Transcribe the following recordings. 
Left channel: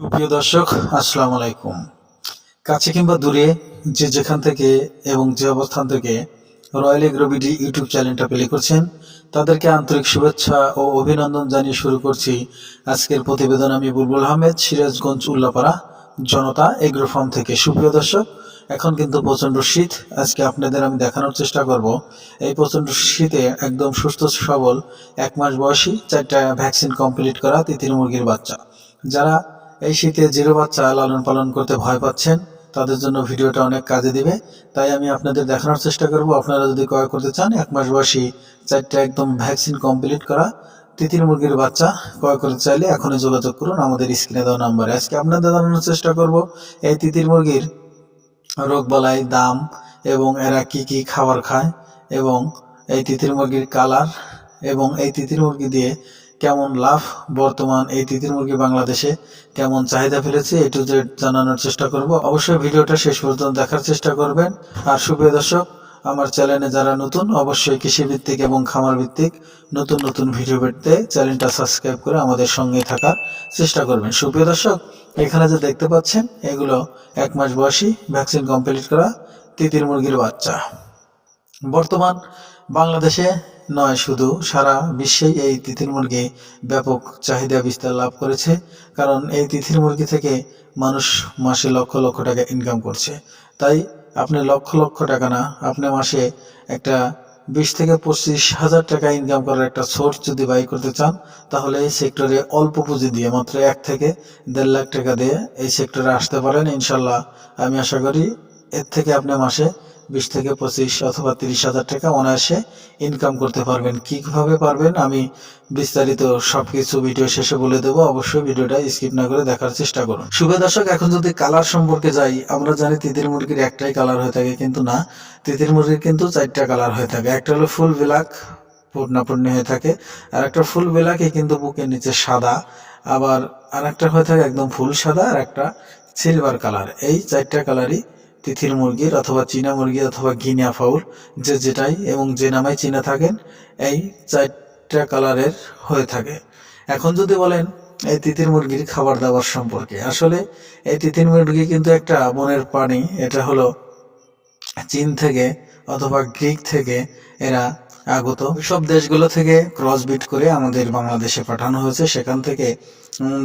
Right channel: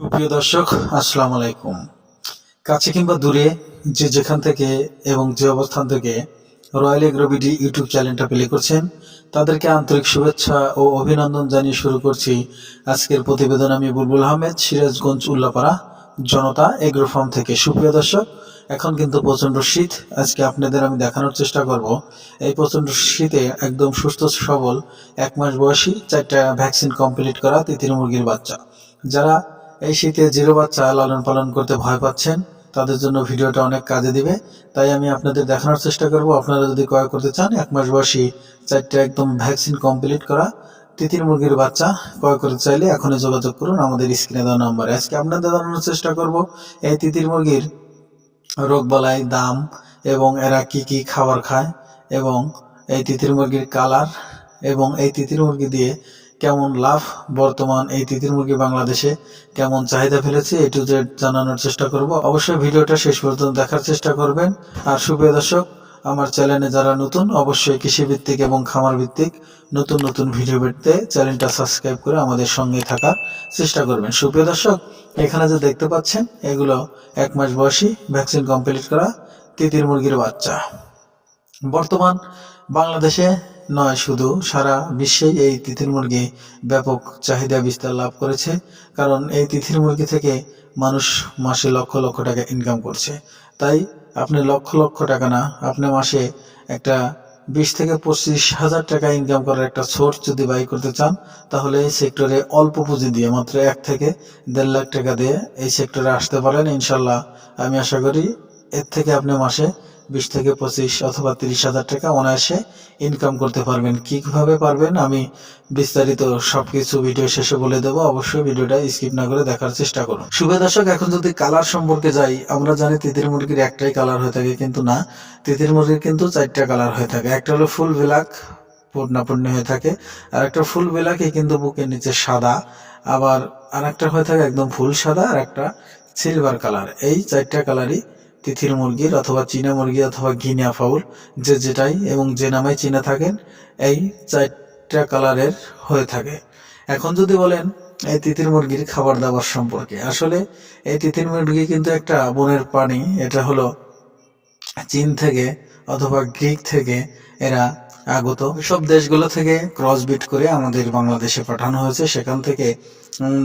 সুপ্রিয় দর্শক, আসসালামু আলাইকুম। কাছে কিংবা দূরে যে যেখান থেকে এবং যে অবস্থান থেকে রয়্যাল এগ্রো বিডি ইউটিউব চ্যানেলটা প্লে করছেন, তাদেরকে আন্তরিক শুভেচ্ছা ও অভিনন্দন জানিয়ে শুরু করছি আজকের প্রতিবেদন। আমি বুলবুল আহমেদ, সিরাজগঞ্জ উল্লাপাড়া জনতা এগ্রো ফার্ম থেকে। সুপ্রিয় দর্শক, এখন কিন্তু প্রচণ্ড শীত। আজকে আপনাদের আমি দেখানোর চেষ্টা করব এই প্রচণ্ড শীতে একদম সুস্থ সবল 1 মাস বয়সী 4টা ভ্যাকসিন কমপ্লিট করা তিতির মুরগির বাচ্চা। যারা এই শীতে জিরো বাচ্চা লালন পালন করতে ভয় পাচ্ছেন, তাদের জন্য ভিডিওটা অনেক কাজে দিবে। তাই আমি আপনাদের দেখানোর চেষ্টা করব। আপনারা যদি ক্রয় করতে চান 1 মাস বয়সী 4টা একদম ভ্যাকসিন কমপ্লিট করা তিতির মুরগির বাচ্চা ক্রয় করতে চাইলে এখনই যোগাযোগ করুন আমাদের স্ক্রিনে দেওয়া নাম্বারে। আজকে আপনাদের জানানোর চেষ্টা করব এই তিতির মুরগির রোগবালাই, দাম এবং এরা কি কি খাবার খায় এবং এই তিতির মুরগির কালার এবং এই তিতির মুরগি দিয়ে কেমন লাভ, বর্তমান এই তিতির মুরগি বাংলাদেশে কেমন চাহিদা ফেলেছে, এ টু জেড জানানোর চেষ্টা করব। অবশ্যই ভিডিওটা শেষ পর্যন্ত দেখার চেষ্টা করবেন। আর সুপ্রিয় দর্শক, আমার চ্যানেলে যারা নতুন, অবশ্যই কৃষিভিত্তিক এবং খামার ভিত্তিক নতুন নতুন ভিডিও পেতে চ্যানেলটা সাবস্ক্রাইব করে আমাদের সঙ্গে থাকার চেষ্টা করবেন। সুপ্রিয় দর্শক, এখানে যে দেখতে পাচ্ছেন এগুলো 1 মাস বয়সী ভ্যাকসিন কমপ্লিট করা তিতির মুরগির বাচ্চা। বর্তমান বাংলাদেশে নয়, শুধু সারা বিশ্বেই এই তিতির মুরগি ব্যাপক চাহিদা বিস্তার লাভ করেছে। কারণ এই তিতির মুরগি থেকে মানুষ মাসে লক্ষ লক্ষ টাকা ইনকাম করছে। তাই আপনি লক্ষ লক্ষ টাকা না, আপনি মাসে একটা 20 থেকে 25 হাজার টাকা ইনকাম করার একটা সোর্স যদি বাই করতে চান, তাহলে এই সেক্টরে অল্প পুঁজি দিয়ে মাত্র 1 থেকে 1.5 লাখ টাকা দিয়ে এই সেক্টরে আসতে পারেন। ইনশাল্লাহ আমি আশা করি এর থেকে আপনি মাসে 20 থেকে 25 অথবা 30 হাজার টাকা অনায়াসে ইনকাম করতে পারবেন। কীভাবে পারবেন আমি বিস্তারিত সবকিছু ভিডিও শেষে বলে দেবো। অবশ্যই ভিডিওটা স্কিপ না করে দেখার চেষ্টা করুন। শুভ দর্শক, এখন যদি কালার সম্পর্কে যাই, আমরা জানি তিতির মুরগির একটাই কালার হয়ে থাকে, কিন্তু না, তিতির মুরগির কিন্তু 4টা কালার হয়ে থাকে। একটা হলো ফুল ব্ল্যাক, পূর্ণাপূর্ণি হয়ে থাকে। আর একটা ফুল ব্ল্যাকই কিন্তু বুকের নিচে সাদা। আবার আর একটা হয়ে থাকে একদম ফুল সাদা, আর একটা সিলভার কালার। এই 4টা কালারই তিতির মুরগির অথবা চীনা মুরগি অথবা গিনিয়া ফাউল, যে যেটাই এবং যে নামে চিনে থাকেন, এই 4টা কালারের হয়ে থাকে। এখন যদি বলেন এই তিতির মুরগির খাবার দাবার সম্পর্কে, আসলে এই তিতির মুরগি কিন্তু একটা বনের প্রাণী। এটা হলো চীন থেকে অথবা গ্রিক থেকে এরা আগত। সব দেশগুলো থেকে ক্রসবিট করে আমাদের বাংলাদেশে পাঠানো হয়েছে। সেখান থেকে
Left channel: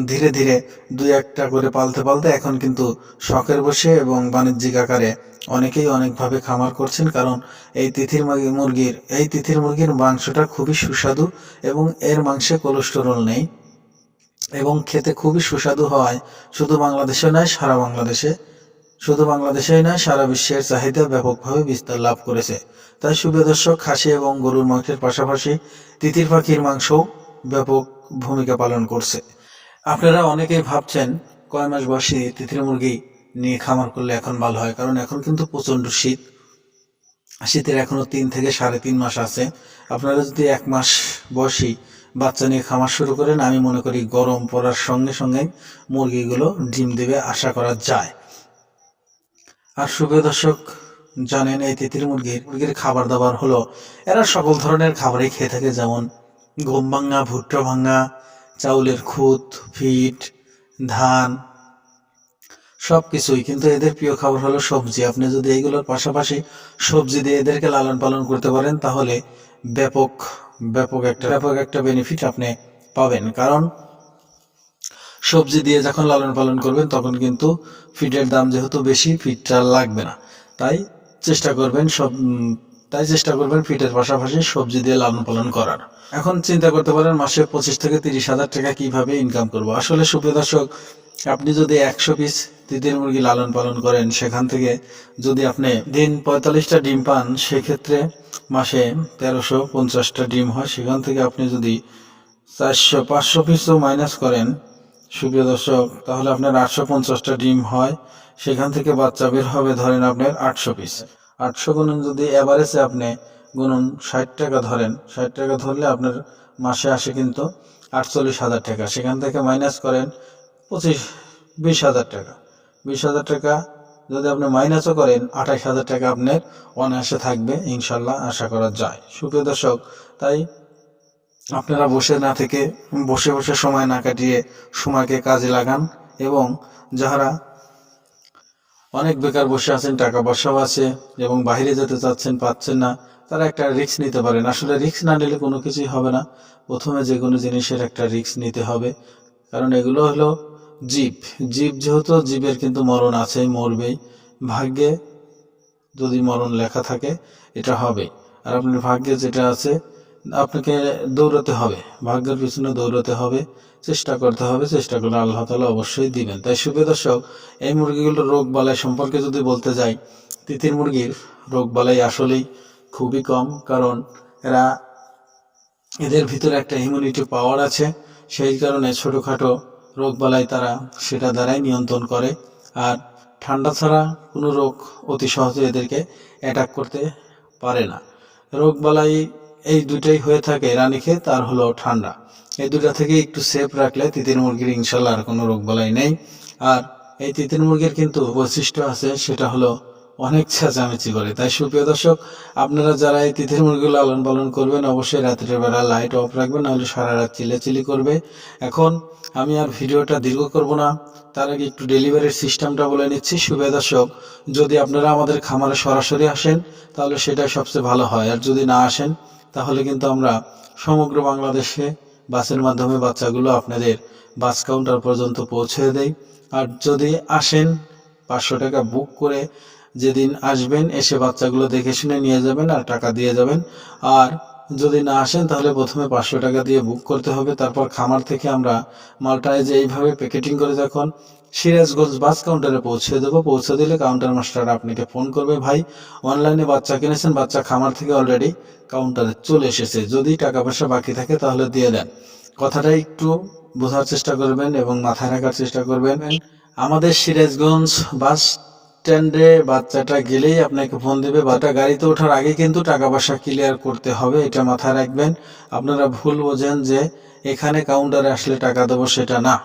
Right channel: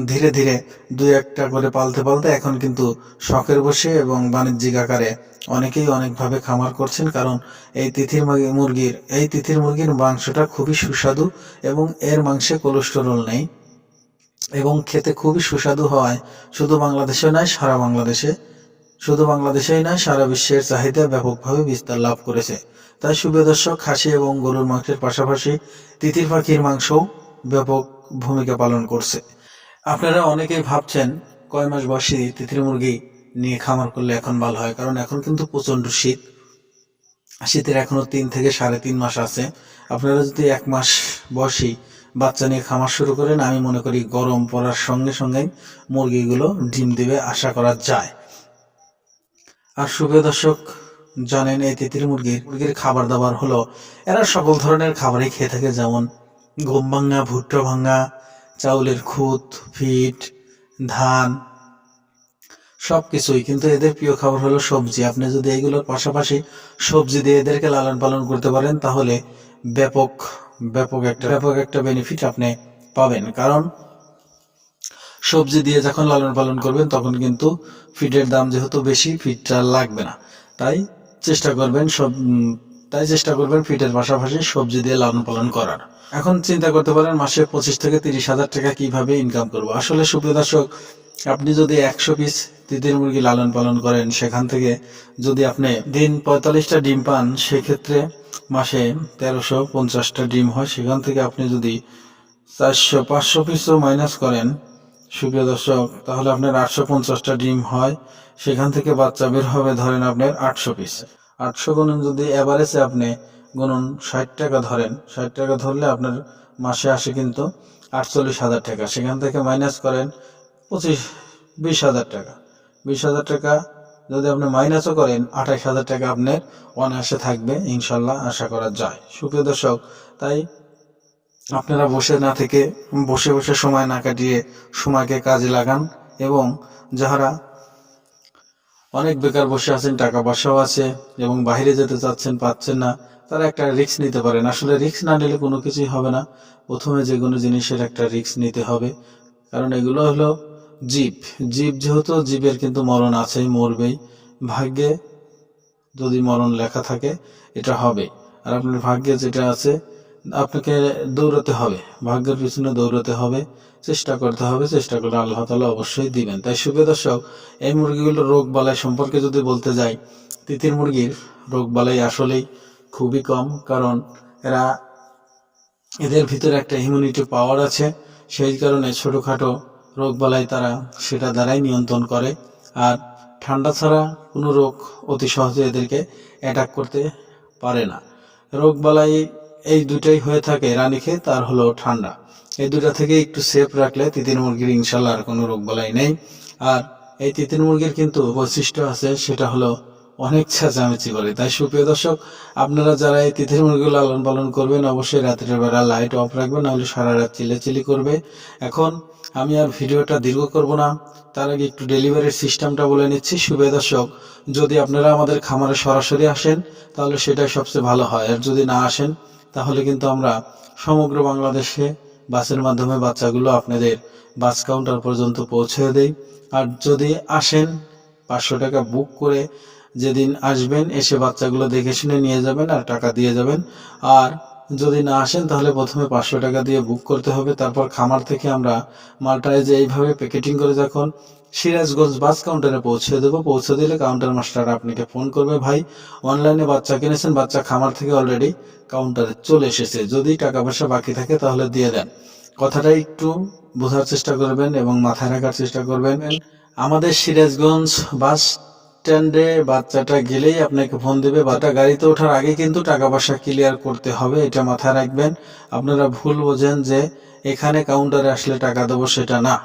ধীরে ধীরে 2-1টা করে পালতে পালতে এখন কিন্তু শখের বসে এবং বাণিজ্যিক আকারে অনেকেই অনেকভাবে খামার করছেন। কারণ এই তিতির মুরগির মাংসটা খুবই সুস্বাদু এবং এর মাংসে কোলেস্টেরল নেই এবং খেতে খুবই সুস্বাদু হওয়ায় শুধু বাংলাদেশে নয়, বাংলাদেশেই নয়, সারা বিশ্বের চাহিদা ব্যাপকভাবে বিস্তার লাভ করেছে। তাই সুপ্রিয় দর্শক, খাসি এবং গরুর মাংসের পাশাপাশি তিতির পাখির মাংসও ব্যাপক ভূমিকা পালন করছে। আপনারা অনেকেই ভাবছেন কয় মাস বয়সী তিতির মুরগি নিয়ে খামার করলে এখন ভালো হয়। কারণ এখন কিন্তু প্রচণ্ড শীত, শীতের এখনও 3 থেকে 3.5 মাস আছে। আপনারা যদি 1 মাস বয়সী বাচ্চা নিয়ে খামার শুরু করেন, আমি মনে করি গরম পড়ার সঙ্গে সঙ্গেই মুরগিগুলো ডিম দেবে আশা করা যায়। আর সুপ্রিয় দর্শক, জানেন এই তিতির মুরগির খাবার দাবার হলো, এরা সকল ধরনের খাবারই খেয়ে থাকে, যেমন গম ভাঙা, ভুট্টা ভাঙা, চাউলের খুদ, ফিট, ধান, সব কিছুই। কিন্তু এদের প্রিয় খাবার হলো সবজি। আপনি যদি এইগুলোর পাশাপাশি সবজি দিয়ে এদেরকে লালন পালন করতে পারেন, তাহলে ব্যাপক ব্যাপক একটা বেনিফিট আপনি পাবেন। কারণ সবজি দিয়ে যখন লালন পালন করবেন, তখন কিন্তু ফিডের দাম যেহেতু বেশি, ফিডটা লাগবে না। তাই চেষ্টা করবেন ফিডের পাশাপাশি সবজি দিয়ে লালন পালন করার। এখন চিন্তা করতে পারেন মাসে 25 থেকে 30 হাজার টাকা কিভাবে ইনকাম করব। আসলে সুপ্রিয় দর্শক, আপনি যদি 100 পিস তিতির মুরগি লালন পালন করেন, সেখান থেকে যদি আপনি দিন 45টা ডিম পান, সেক্ষেত্রে মাসে 1350টা ডিম হয়। সেখান থেকে আপনি যদি 400-500 পিসও মাইনাস করেন সুপ্রিয় দর্শক, তাহলে আপনার 850টা ডিম হয়। সেখান থেকে বাচ্চা বের হবে ধরেন আপনার 800 পিস। 800 গুণন যদি অ্যাভারেজে আপনি গুণন 60 টাকা ধরেন, 60 টাকা ধরলে আপনার মাসে আসে কিন্তু 48 হাজার টাকা। সেখান থেকে মাইনাস করেন 20 হাজার টাকা। 20 হাজার টাকা যদি আপনি মাইনাসও করেন, 28 হাজার টাকা আপনার অনায়াসে থাকবে, ইনশাল্লাহ আশা করা যায়। সুপ্রিয় দর্শক, তাই আপনারা বসে না থেকে, বসে সময় না কাটিয়ে সময়কে কাজে লাগান এবং যারা অনেক বেকার বসে আছেন, টাকা পয়সাও আছে এবং বাইরে যেতে চাচ্ছেন, পাচ্ছেন না, তারা একটা রিস্ক নিতে পারেন। আসলে রিস্ক না নিলে কোনো কিছুই হবে না। প্রথমে যে কোনো জিনিসের একটা রিস্ক নিতে হবে, কারণ এগুলো হলো জীব। জীব যেহেতু, জীবের কিন্তু মরণ আছেই, মরবেই। ভাগ্যে যদি মরণ লেখা থাকে এটা হবে। আর আপনার ভাগ্যে যেটা আছে আপনাকে দৌড়াতে হবে, ভাগ্যের পিছনে দৌড়াতে হবে, চেষ্টা করতে হবে। চেষ্টা করলে আল্লাহ তাআলা অবশ্যই দিবেন। তাই সুপ্রিয় দর্শক, এই মুরগিগুলোর রোগ বালাই সম্পর্কে যদি বলতে যাই, তিতির মুরগির রোগ বালাই আসলেই খুবই কম, কারণ এদের ভিতরে একটা ইমিউনিটি পাওয়ার আছে। সেই কারণে ছোটোখাটো রোগ বালাই তারা সেটা দ্বারাই নিয়ন্ত্রণ করে। আর ঠান্ডা ছাড়া কোনো রোগ অতি সহজে এদেরকে অ্যাটাক করতে পারে না। রোগ বালাই এই দুটাই হয়ে থাকে, রানীক্ষেত আর হলো ঠান্ডা। এই দুটা থেকে একটু সেফ রাখলে তিতির মুরগির ইনশাল্লাহ আর কোনো রোগ বালাই নেই। আর এই তিতির মুরগির কিন্তু বৈশিষ্ট্য আছে, সেটা হলো অনেক চেঁচামেচি করে। তাই সুপ্রিয় দর্শক, আপনারা যারা এই তিতির মুরগিগুলো লালন পালন করবেন, অবশ্যই রাত্রের বেলা লাইট অফ রাখবেন, নাহলে সারা রাত চিল্লাচিল্লি করবে। এখন আমি আর ভিডিওটা দীর্ঘ করব না, তার আগে একটু ডেলিভারির সিস্টেমটা বলে নিচ্ছি। সুপ্রিয় দর্শক, যদি আপনারা আমাদের খামারে সরাসরি আসেন তাহলে সেটাই সবচেয়ে ভালো হয়। আর যদি না আসেন তাহলে কিন্তু আমরা সমগ্র বাংলাদেশে বাসের মাধ্যমে বাচ্চাগুলো আপনাদের বাস কাউন্টার পর্যন্ত পৌঁছে দেই। আর যদি আসেন 500 টাকা বুক করে যেদিন আসবেন এসে বাচ্চাগুলো দেখে শুনে নিয়ে যাবেন আর টাকা দিয়ে যাবেন। আর যদি না আসেন তাহলে প্রথমে 500 টাকা দিয়ে বুক করতে হবে। তারপর খামার থেকে আমরা মালটায় যে এইভাবে প্যাকেটিং করে যখন সিরাজগঞ্জ বাস কাউন্টারে পৌঁছে দেবো, পৌঁছে দিলে কাউন্টার মাস্টার আপনাকে ফোন করবে, ভাই অনলাইনে বাচ্চা কিনেছেন, বাচ্চা খামার থেকে অলরেডি কাউন্টারে চলে এসেছে, যদি টাকা পয়সা বাকি থাকে তাহলে দিয়ে দেন। কথাটা একটু বোঝার চেষ্টা করবেন এবং মাথায় রাখার চেষ্টা করবেন। আমাদের সিরাজগঞ্জ বাস স্ট্যান্ডে বাচ্চাটা গেলেই আপনাকে ফোন দেবে। বাচ্চাটা গাড়িতে ওঠার আগে কিন্তু টাকা পয়সা ক্লিয়ার করতে হবে, এটা মাথায় রাখবেন। আপনারা ভুল বোঝেন যে এখানে কাউন্টারে আসলে টাকা দেবো, সেটা না।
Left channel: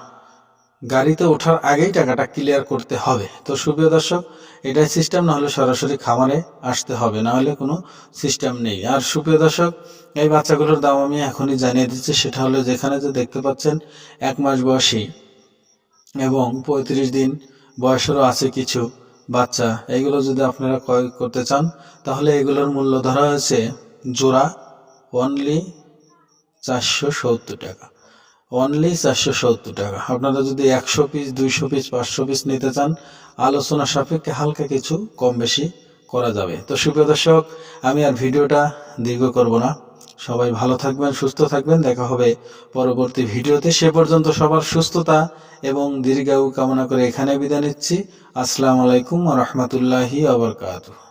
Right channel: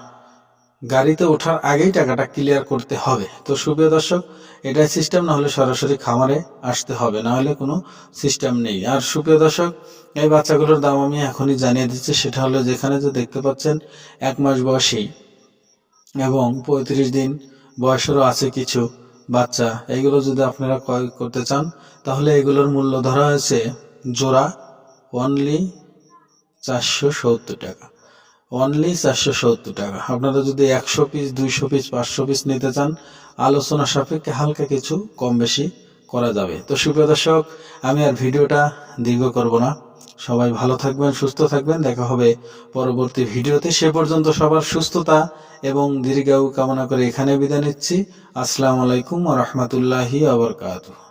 গাড়িতে ওঠার আগেই টাকাটা ক্লিয়ার করতে হবে। তো সুপ্রিয় দর্শক, এটাই সিস্টেম, না হলে সরাসরি খামারে আসতে হবে, না হলে কোনো সিস্টেম নেই। আর সুপ্রিয় দর্শক, এই বাচ্চাগুলোর দাম আমি এখনই জানিয়ে দিচ্ছি। সেটা হলো, যেখানে যে দেখতে পাচ্ছেন 1 মাস বয়সী এবং 35 দিন বয়সেরও আছে কিছু বাচ্চা, এগুলো যদি আপনারা ক্রয় করতে চান তাহলে এগুলোর মূল্য ধরা হয়েছে জোড়া অনলি 470 টাকা। অনলি 470 টাকা। আপনারা যদি 100 পিস, 200 পিস, 500 পিস নিতে চান, আলোচনা সাপেক্ষে হালকা কিছু কম বেশি করা যাবে। তো সুপ্রিয় দর্শক, আমি আর ভিডিওটা দীর্ঘ করব না। সবাই ভালো থাকবেন, সুস্থ থাকবেন। দেখা হবে পরবর্তী ভিডিওতে। সে পর্যন্ত সবার সুস্থতা এবং দীর্ঘায়ু কামনা করে এখানে বিদায় নিচ্ছি। আসসালামু আলাইকুম ওয়া রাহমাতুল্লাহি ওয়া বারাকাতুহু।